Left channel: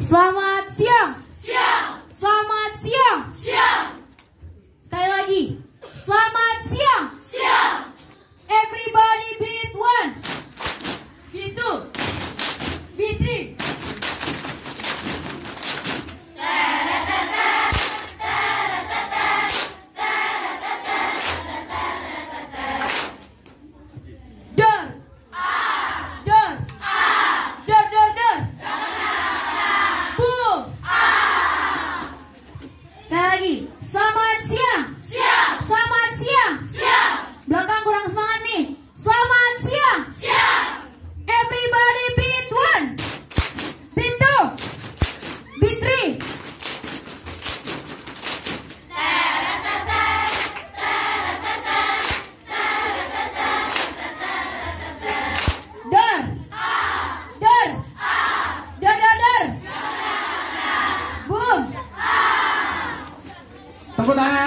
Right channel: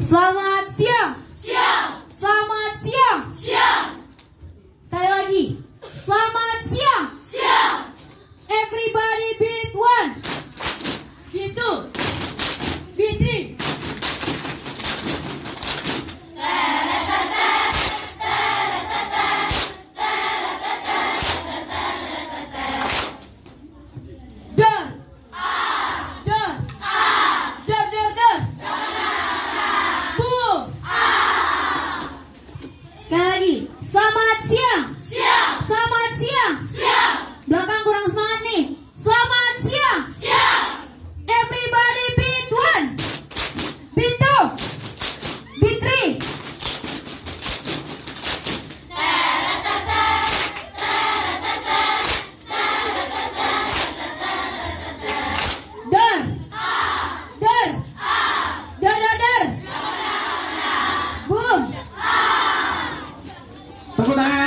Selamat siang. Siang. Selamat siang. Siang. Sekali lagi. Selamat siang. Siang. Everybody beat one. Beat two. Beat three. Dar. Dar. Dar, dar, dar. Boom. Sekali lagi. Selamat siang. Siang. Selamat siang. Siang. Belakang kurang semangat nih. Selamat siang. Siang. Everybody beat one. Beat two. Beat three. Dar. Dar. Dar, dar, dar. Boom. Tepuk tangan.